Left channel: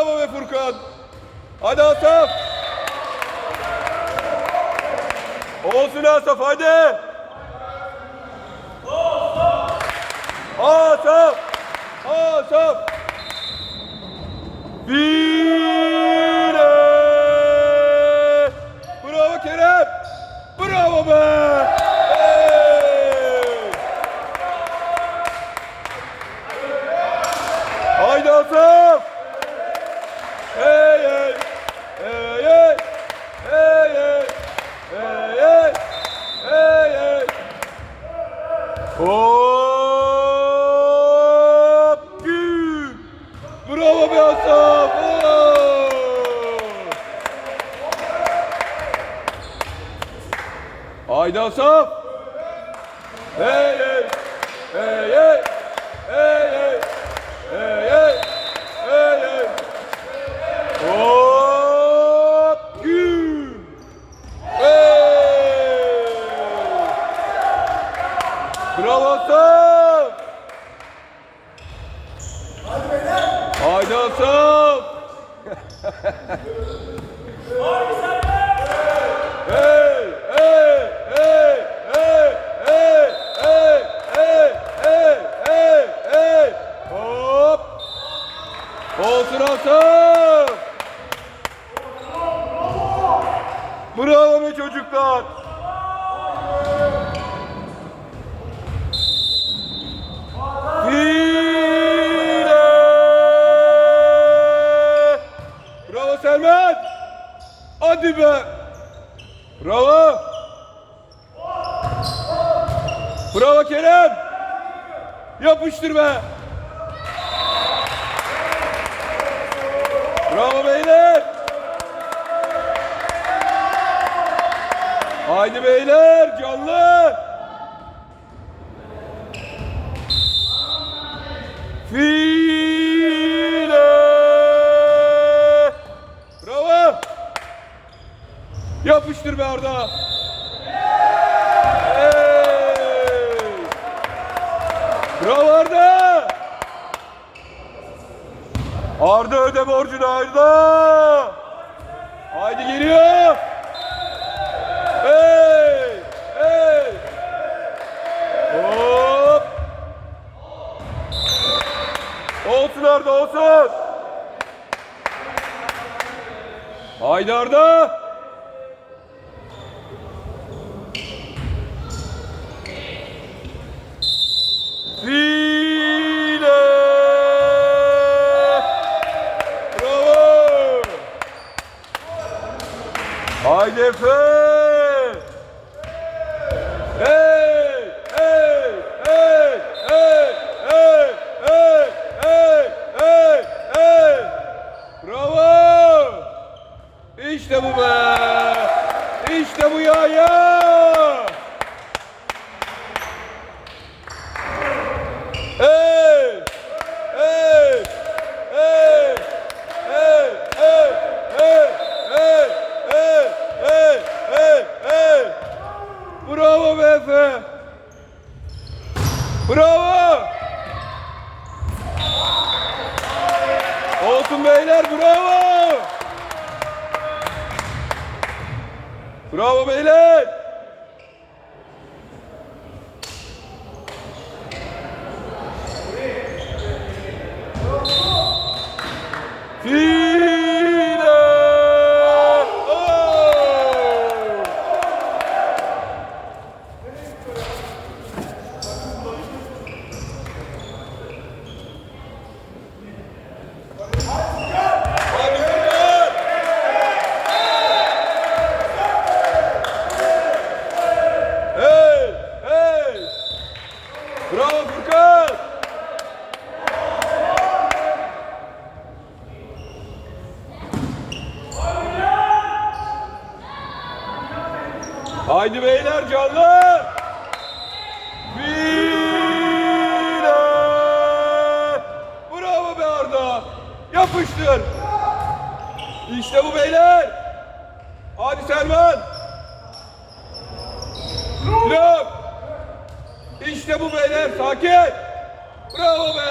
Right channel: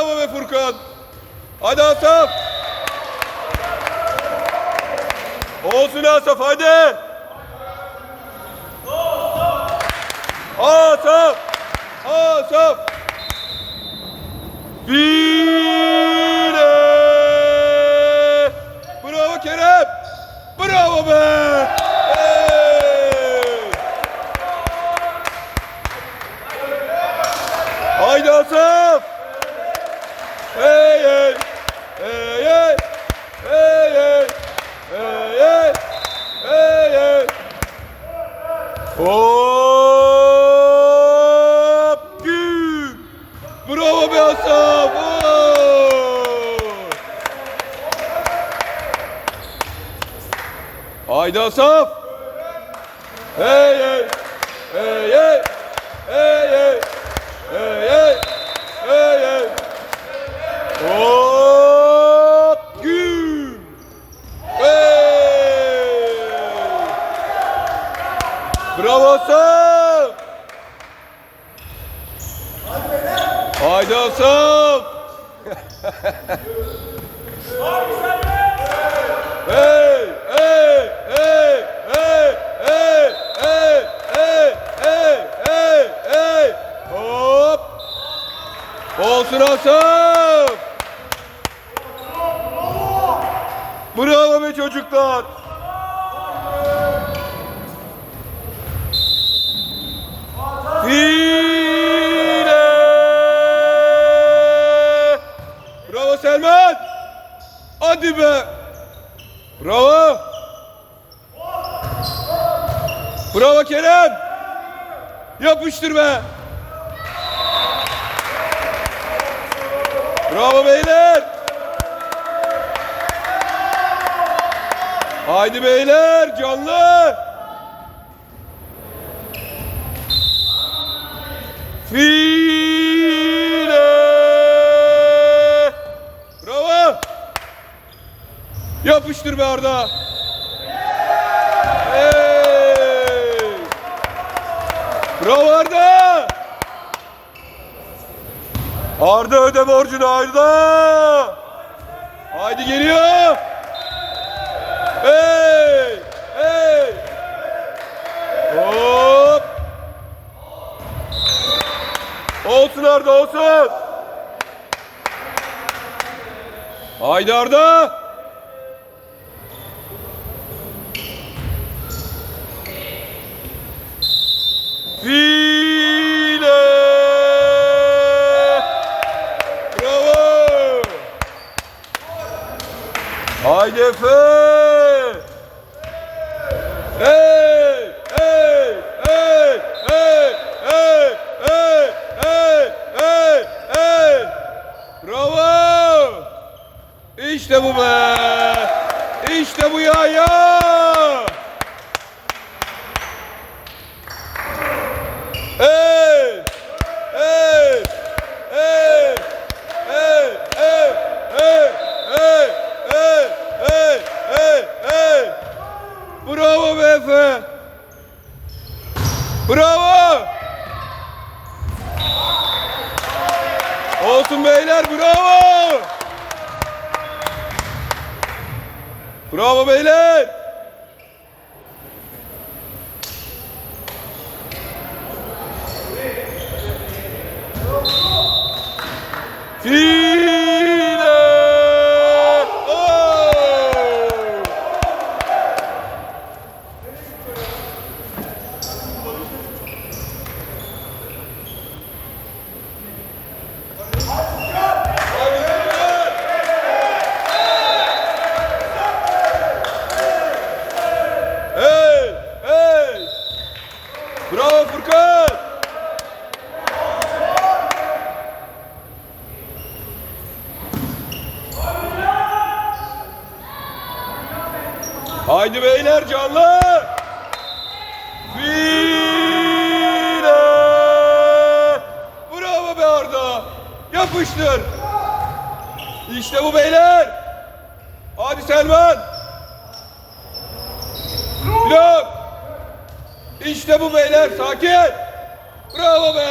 Bravo be Furkan. Hadi Asaf. Olsun Asaf hadi. Asaf. Asaf. File. Hey hey. Hey hey. Hey hey. Hey hey. Hey hey. Hop. Gül. Bravo be. Oo. Haydi Asaf. Bravo Osman! Haydi Osman! Haydi! Selman. Hadi be. Bravo. Bravo Kerem. Yapıştır be. Bravo beyler. Haydi beyler canlı. File. Yapıştır be Arda. Hey. Bravo Arda. Arda öde borcunu Arda. Haydi geliyor. Hey. Hey. Hop. Olsun Arda olsun. Haydi Arda. HDP! Evet! Bravo! Olsun beyler bravo! Bravo beyler! File! Oh! Hey! Hey! Bravo Furkan! Haydi beyler canlı! File! Bravo be Arda! Yapıştır! İşte bu beyler! Hadi Selman! Blok! İşte bu beyler sakin! Bravo be!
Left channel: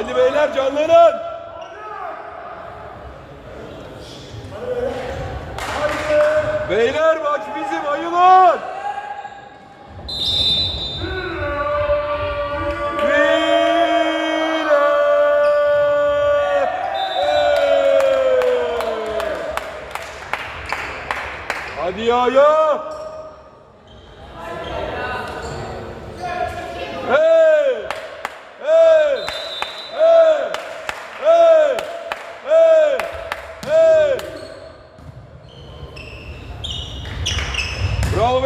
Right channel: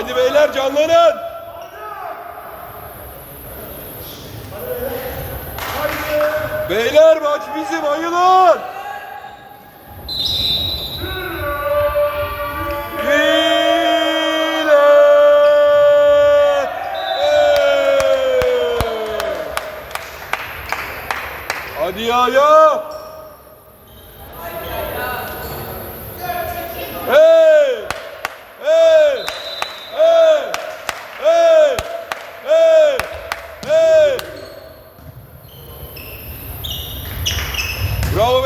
Haydi beyler canlanın. Beyler maç bizim ayılın.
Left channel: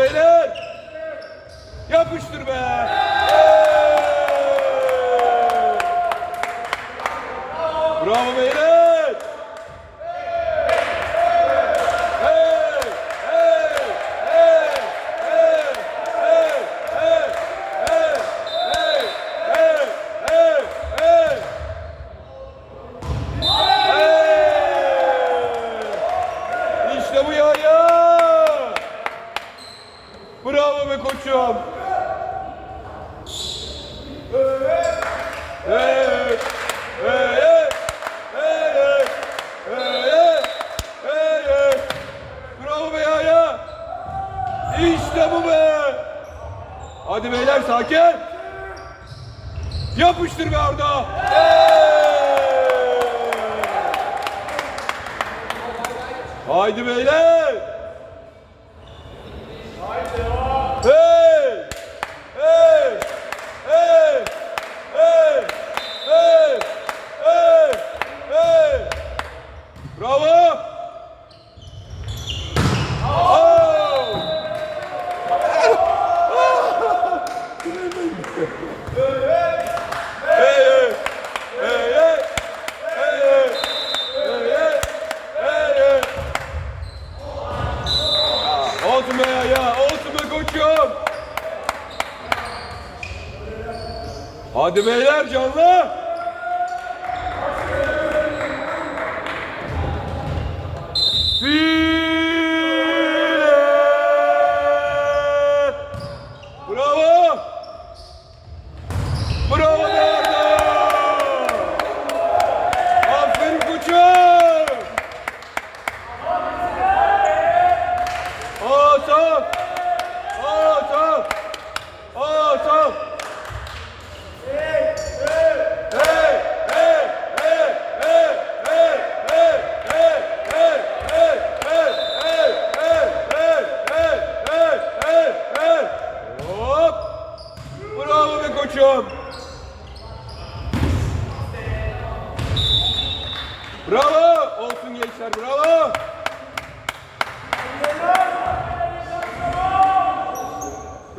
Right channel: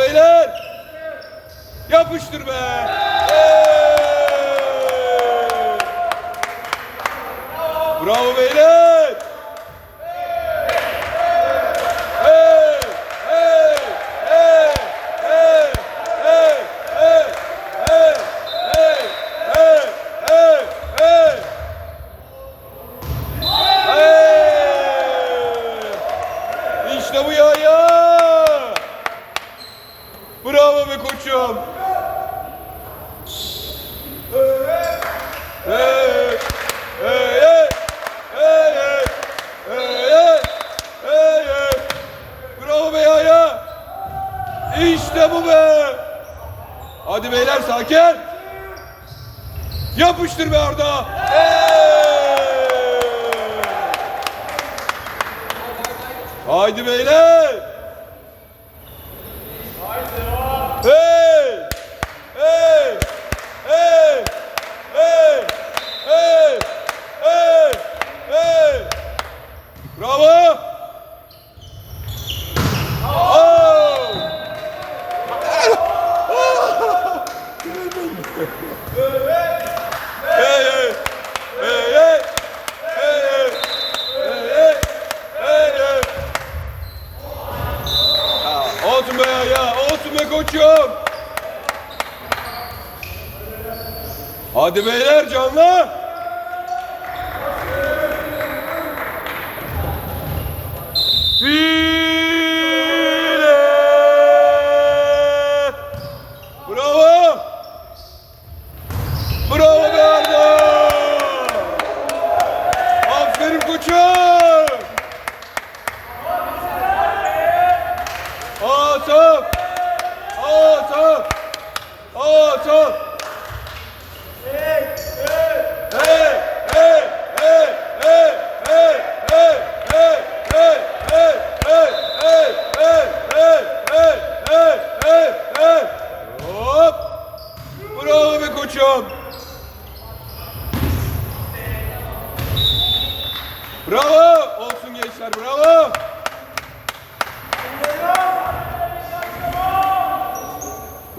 beyler. Yapıştır be. Bravo beyler.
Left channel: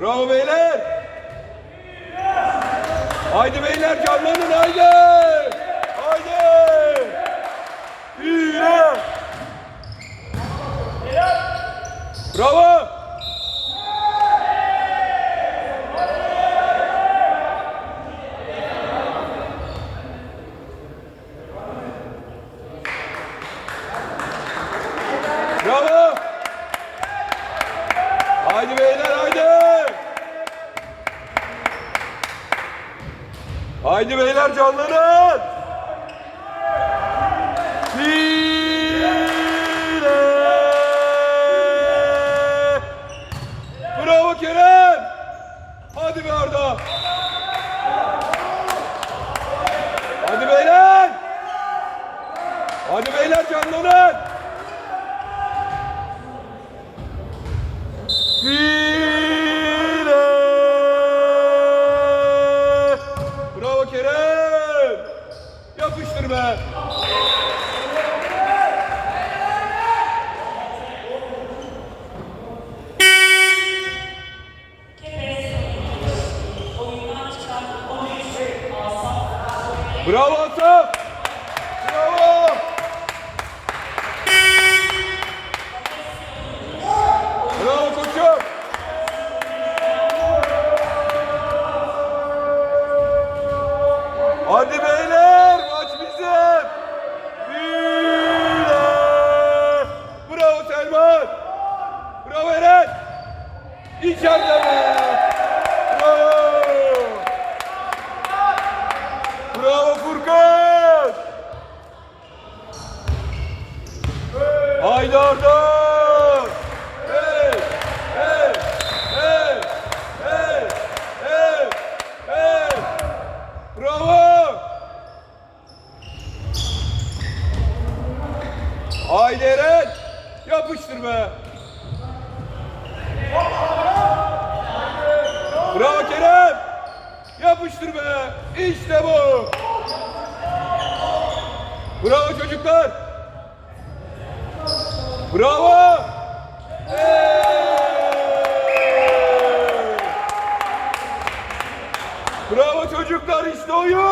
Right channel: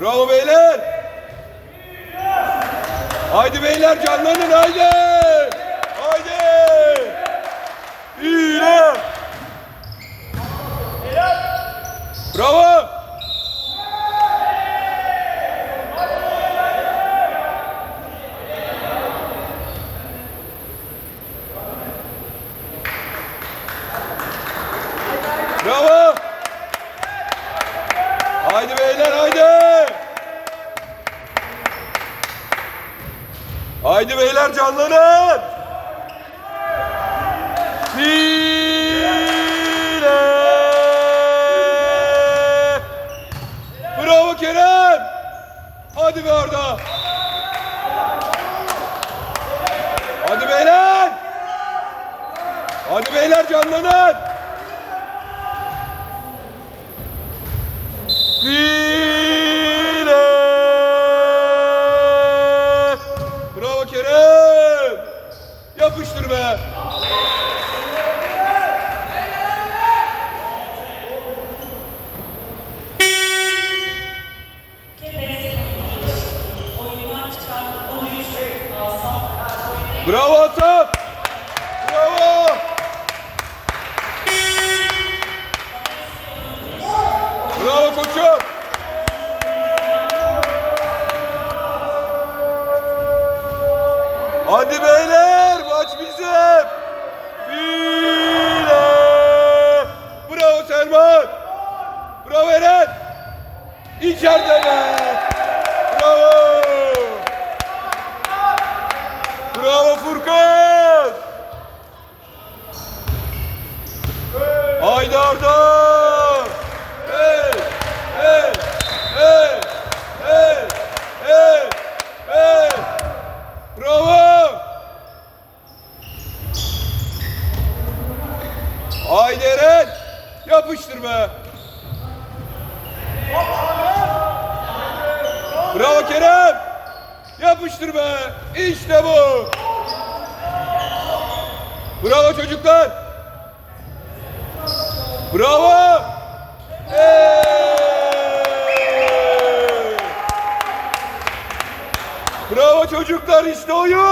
Bravo beyler. Haydi beyler canlanın haydi. Haydi beyler canlanın. Bro! Portugal ao Furcão! Everybody still you?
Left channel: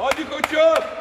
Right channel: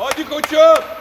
Hadi koçum!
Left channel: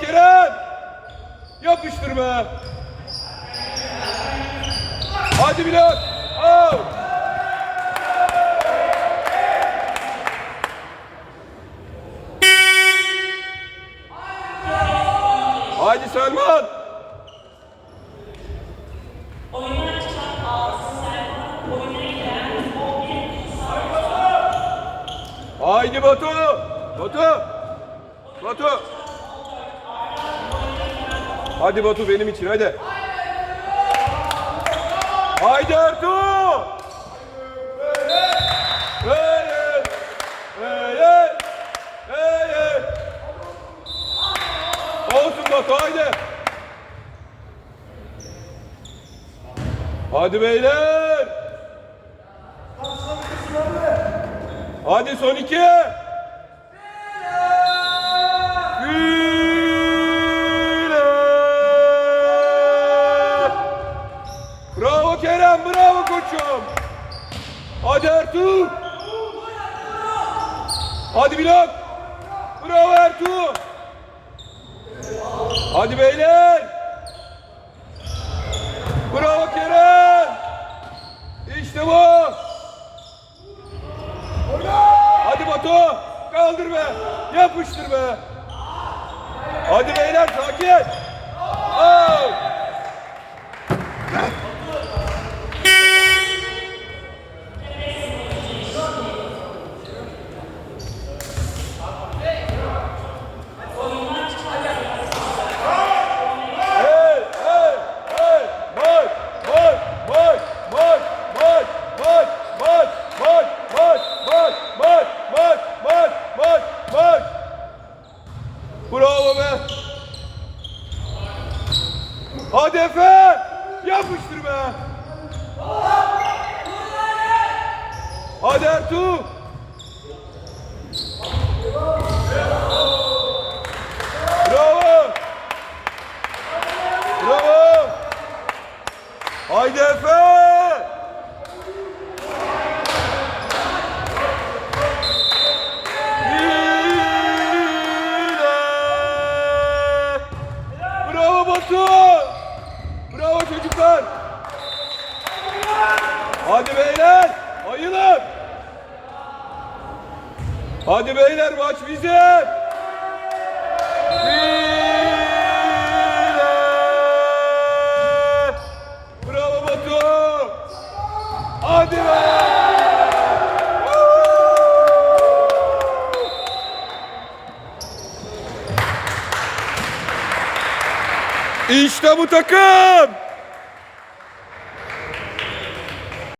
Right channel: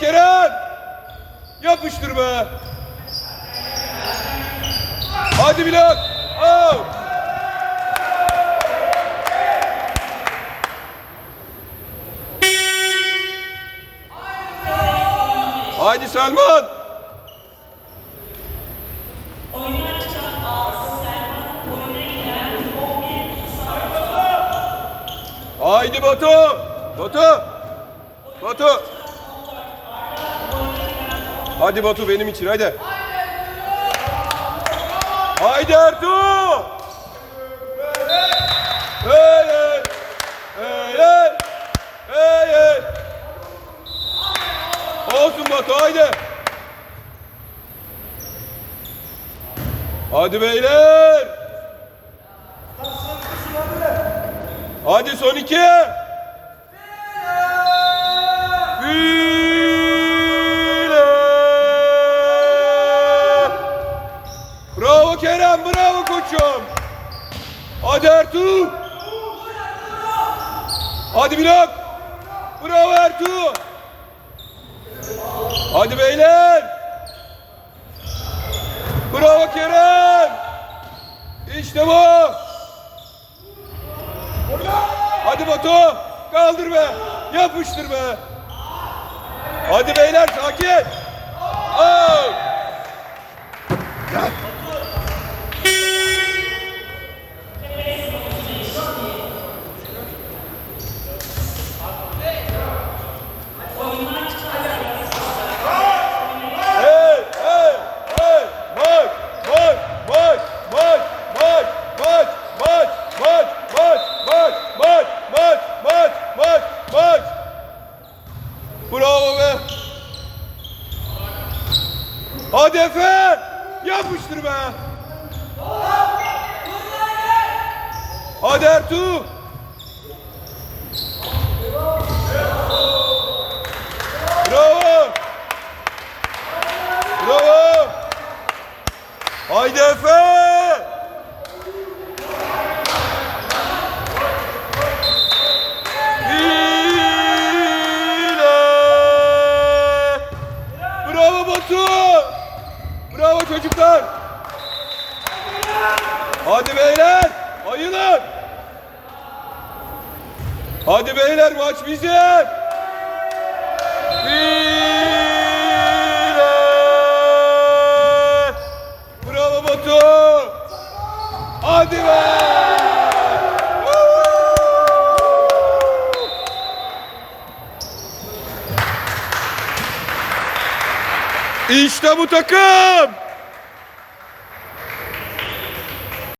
Kerem. Yapıştır be. Hadi Bilal. Out. Haydi Selman. Haydi Batu. Batu. Batu. Hadi Batu benim için hadi. Haydi Ertuğ. Böyle. Böyle. Böyle. Olsun Batu haydi. Hadi beyler. Hadi son iki. Bile. Bravo Kerem, bravo koçum. Hadi Ertuğ. Hadi Bilal. Bravo Ertuğ. Hadi beyler. Bravo Kerem. İşte bu. Hadi Batu. Kaldır be. Yapıştır be. Çocuklar. Hadi beyler. Ayılın. Hadi beyler maç bizim. Bile. Bravo Batu. Hadi be. İşte bu takım.